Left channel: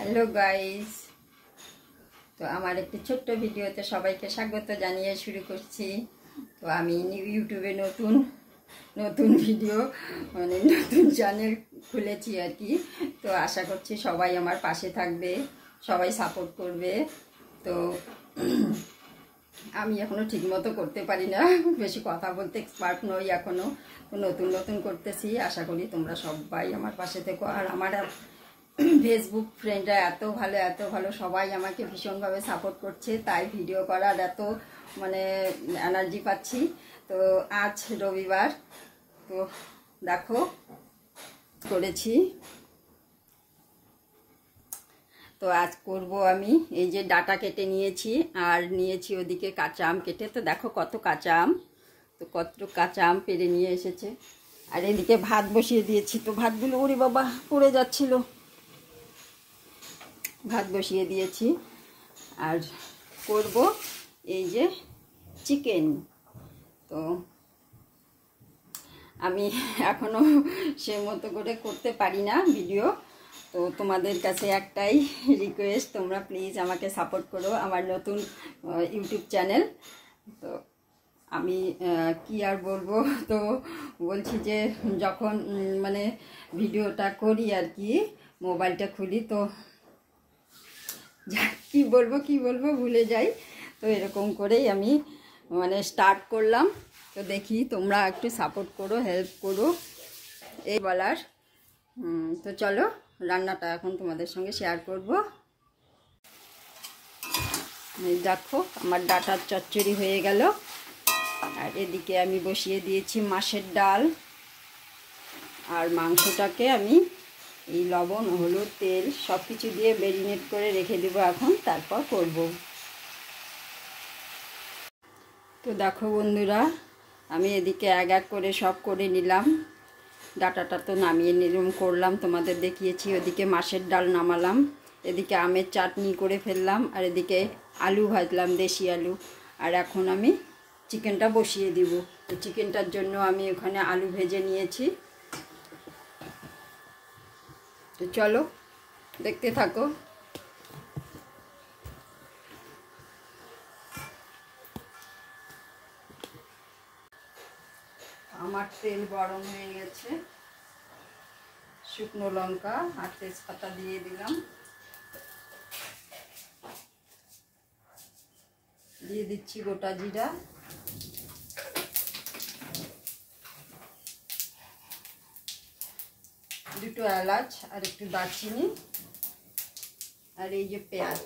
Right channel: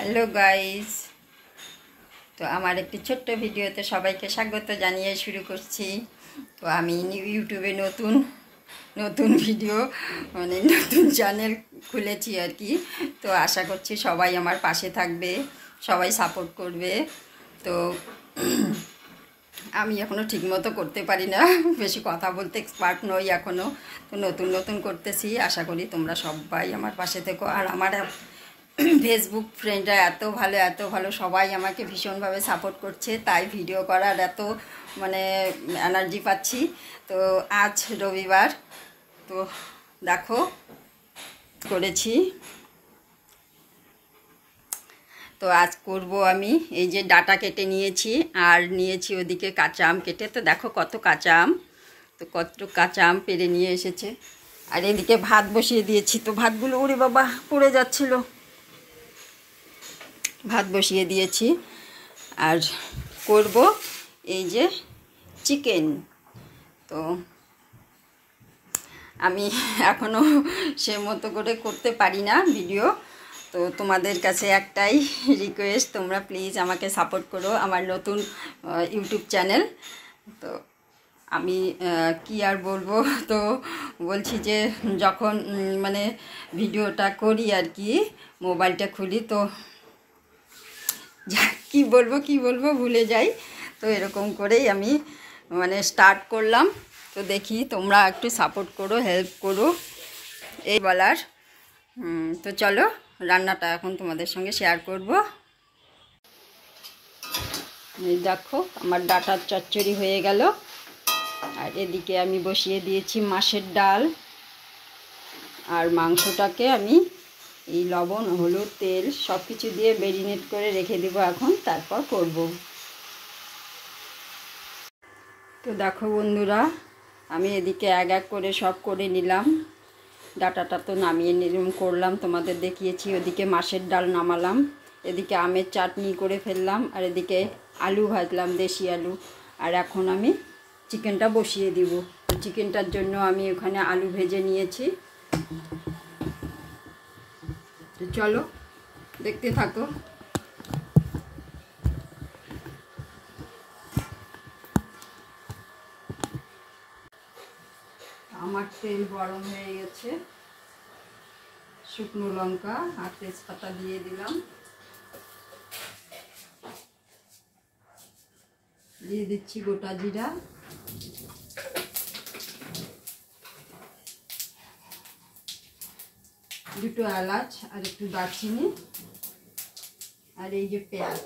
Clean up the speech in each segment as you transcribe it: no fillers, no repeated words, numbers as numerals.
Hello guys, তো আমার একটি ছোট্ট ভিডিওতে সবাইকে স্বাগত জানিয়ে শুরু করছি। তো আমি ইউটিউবে নতুন নতুন ভিডিও নতুন চ্যানেল খুলেছি আর কি। তো আশা করছি সবাই আমার পাশে থাকবে, সবাই সাপোর্ট করবে। তো আমি এখনও ঠিকমতো করতে পারি না, বেশি কথা বলতে এক্সপার্ট নই এখনও। তো নতুন নতুন করতেছি, আশা করি তোমরা সবাই আমার পাশে থেকো। আর আমার ফেসবুক ফ্রেন্ডরা এত ভালো সবাই আমাকে ভীষণভাবে সাপোর্ট করছে, তাই ভিডিও করার এত এনার্জি পাচ্ছি। তো আজ রবিবার, তো দেখো করেছি। তো আজ করব আমি এই যে ডাটা কেটে নিয়েছি, আর নিয়েছি ওদিকে কাঁচা আম কেটে। তো দেখো কত কাঁচা আম, তো কত কাঁচা আম পেড়ে নিয়ে এসেছে। আর এদিকে ভাত বসিয়ে দিয়েছি, তো ভাতগুলো ওরে বাবা পড়ে যাচ্ছিল। ভাত বসিয়ে দিয়েছি আর করব এই যে চিকেন। তো আমি এখনও সে মতো করে করতে পারি না ভিডিও। তো তোমাদের কাছে একটাই রিকোয়েস্ট, তোমরা প্লিজ আমাকে সাপোর্ট করো, আমার নতুন ইউটিউব চ্যানেল। তো আমি কি আর বলবো, তো বলছি যে যখন ভিডিওটা করি আর কি, মোবাইলটা খুলি, তো কি বলবো ভুলে যাই। তো এরকম করেই আমি স্টার্ট করলাম। তো দেখি তোমরা একটু সাপোর্ট করো, হেল্প করো, এই বলার। তো চলো রান্নাটা এখন তোমাদের সঙ্গে শেয়ার করব। এই দেখো আমার ডাটার চচ্চড়ি হয়ে গেল। আর এদিকে আমি বসিয়ে দিয়েছি মাছের ডাল। আর মাংসটাকে আমি এই লবণ, হলুদ, তেল সব কিছু দিয়ে ম্যারিনেট করে রেখে দেবো এখন, তারপর করব। তো দেখো বন্ধুরা, আমি এদিকে এক এক করে সব করে নিলাম। ডাটাটা তো নামিয়ে নিলাম, করলাম, তোমাদের দেখিয়েছি। ওদিকে মাছের ডাল নামালাম, এদিকে আমের চাটনি করে ফেললাম, আর এদিকে আলু ভাজলাম, দেশি আলু। আর এখন আমি চিকেনটা বসিয়ে দিব। তো চিকেনটার জন্য আমি ওখানে আলু ভেজে নিয়েছি। তো চলো দেখতে থাকো। আমার তেল গরম হয়ে গেছে, শুকনো লঙ্কা আর তেজপাতা দিয়ে দিলাম, দিয়ে দিচ্ছি গোটা জিরা, দুটো এলাচ আর একটু দারচিনি, আর এই যে পেঁয়াজ।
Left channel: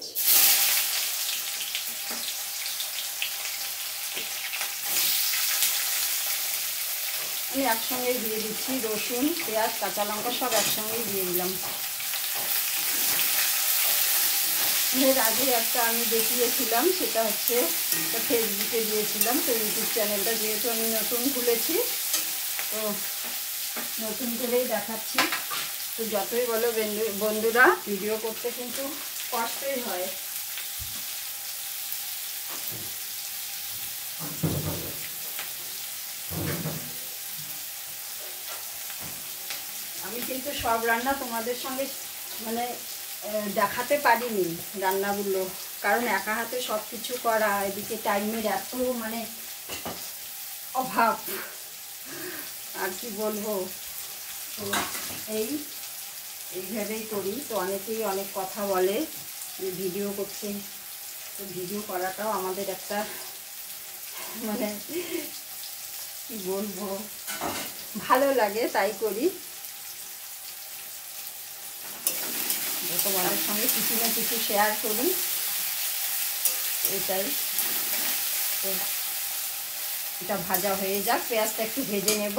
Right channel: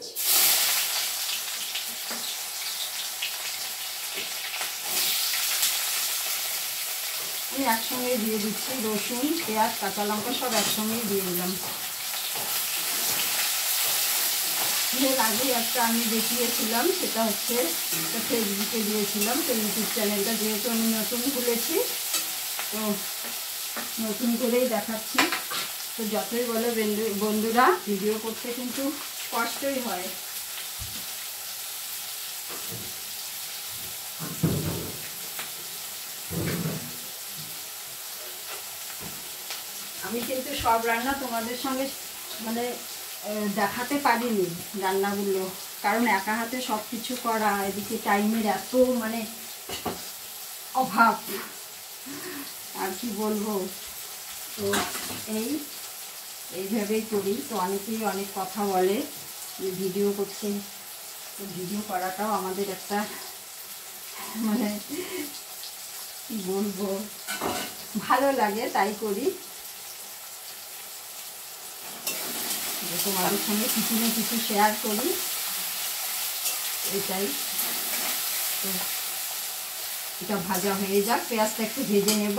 আমি একসঙ্গে দিয়ে দিচ্ছি, রসুন, পেঁয়াজ, কাঁচা লঙ্কা সব একসঙ্গে দিয়ে দিলাম। এর আগে একটা আমি দেখিয়েছিলাম, সেটা হচ্ছে ফেসবুকে দিয়েছিলাম। তো ইউটিউব চ্যানেলটা যেহেতু আমি নতুন খুলেছি, তো নতুন করেই দেখাচ্ছি। তো যতই বলো বন্ধুরা, ভিডিও করতে কিন্তু কষ্টই হয়। আমি কিন্তু সব রান্না তোমাদের সঙ্গে দেখাতে পারিনি রান্নাগুলো, কারণ একা হাতে সব কিছু করা, এদিকে টাইমের এত অভাব, আর কি বলবো। তো এইভাবেই করি। তো অনেকেই অনেক কথা বলে যে ভিডিও করছে, তো ভিডিও করাটাও আমাদের একটা কি বলবো, ভালো লাগে, তাই করি। তোমাদের সঙ্গে কিছু না কিছু শেয়ার করি, এটাই। তো এটা ভাজা হয়ে যাক, পেঁয়াজটা একটু ভেজে নেব।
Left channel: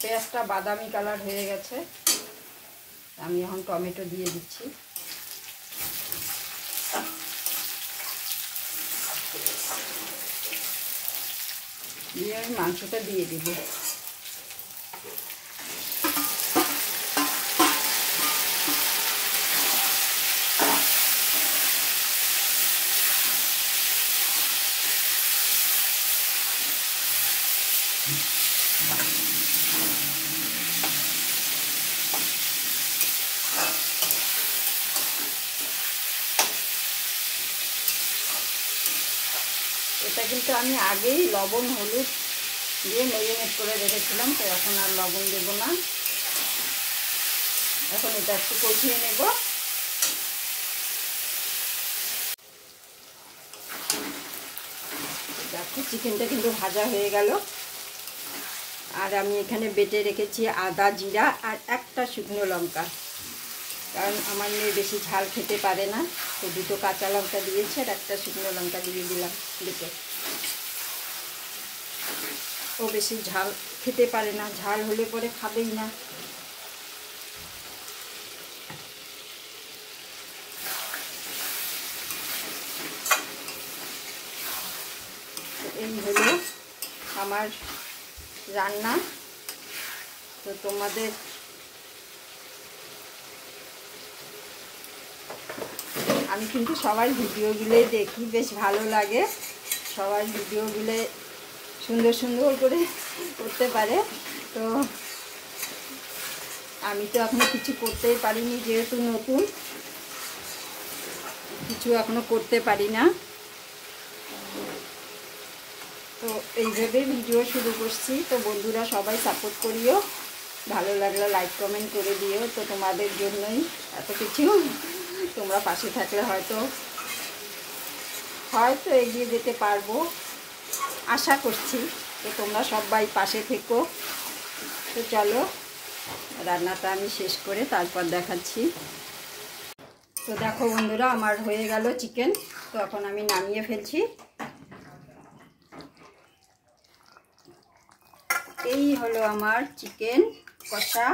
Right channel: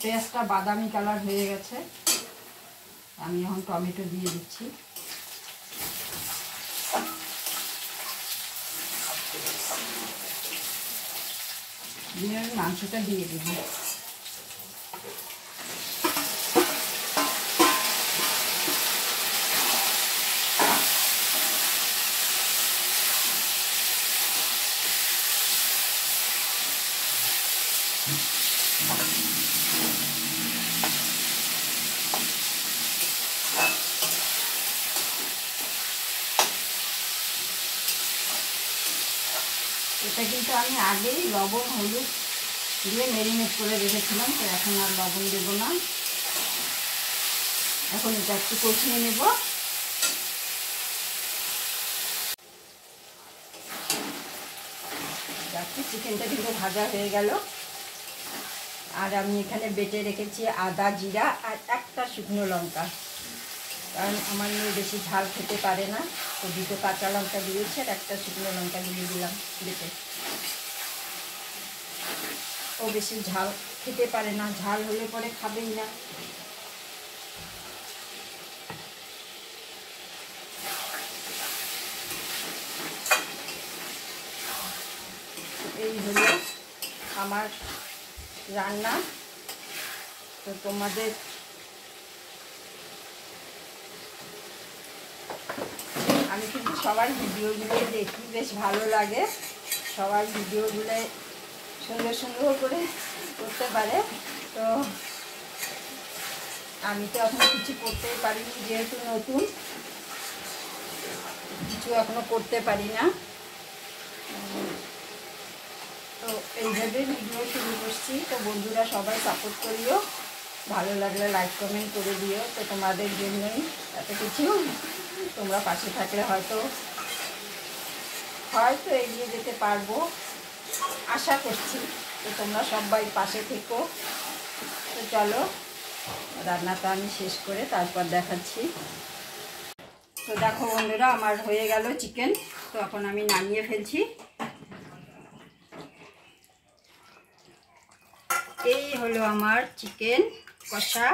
পেঁয়াজটা বাদামি কালার হয়ে গেছে, আমি এখন টমেটো দিয়ে দিচ্ছি। দিয়ে আমি মাংসটা দিয়ে দিব। এটা কিন্তু আমি আগেই লবণ হলুদ দিয়ে ম্যারিনেট করে রেখেছিলাম, তো এখন আর লবণ দেবো না। এখন এটা একটু কষিয়ে নেব। দেখো চিকেনটা কিন্তু ভাজা হয়ে গেল। আর আমি এখানে বেটে রেখেছি আদা জিরা আর একটা শুকনো লঙ্কা, কারণ আমার মেয়ে বেশি ঝাল খেতে পারে না, তো দুটো কাঁচা লঙ্কা দিয়েছে আর একটা শুকনো লঙ্কা দিয়ে দিলাম বেটে। ও বেশি ঝাল খেতে পারে না, ঝাল হলে পরে খাবেই না। এই হলো আমার রান্না। তো তোমাদের আমি কিন্তু সবার ভিডিওগুলোই দেখি, বেশ ভালো লাগে। সবার ভিডিওগুলো সুন্দর সুন্দর করে করতে পারে, তো আমি তো এখনো কিছু করতেই পারিনি, যেহেতু নতুন কিছু এখনো করতে পারি না। তো এইভাবে ভিডিও শুরু করছি। তো বন্ধুরা সবাই সাপোর্ট করিও, ভালো লাগলে লাইক কমেন্ট করে দিও। তো তোমাদের জন্যই এত কিছু, তোমরা পাশে থাকলে হয়তো এগিয়ে যেতে পারবো, আশা করছি। তো তোমরা সবাই পাশে থেকো। তো চলো রান্নাটা আমি শেষ করে তারপর দেখাচ্ছি। তো দেখো বন্ধুরা, আমার হয়ে গেল চিকেন। তো এখন আমি নামিয়ে ফেলছি। এই হলো আমার চিকেন কষা।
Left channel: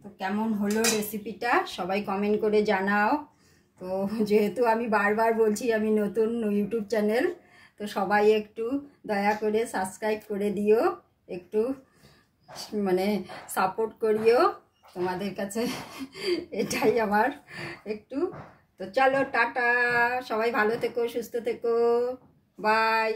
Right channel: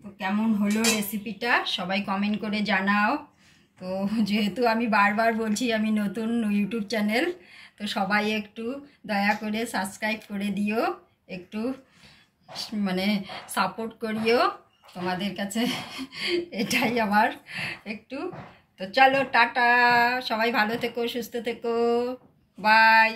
তো কেমন হলো রেসিপিটা সবাই কমেন্ট করে জানাও। তো যেহেতু আমি বারবার বলছি আমি নতুন ইউটিউব চ্যানেল, তো সবাই একটু দয়া করে সাবস্ক্রাইব করে দিও, একটু মানে সাপোর্ট করিও। তোমাদের কাছে এটাই আমার একটু। তো চলো টাটা, সবাই ভালো থেকো, সুস্থ থেকো, বাই।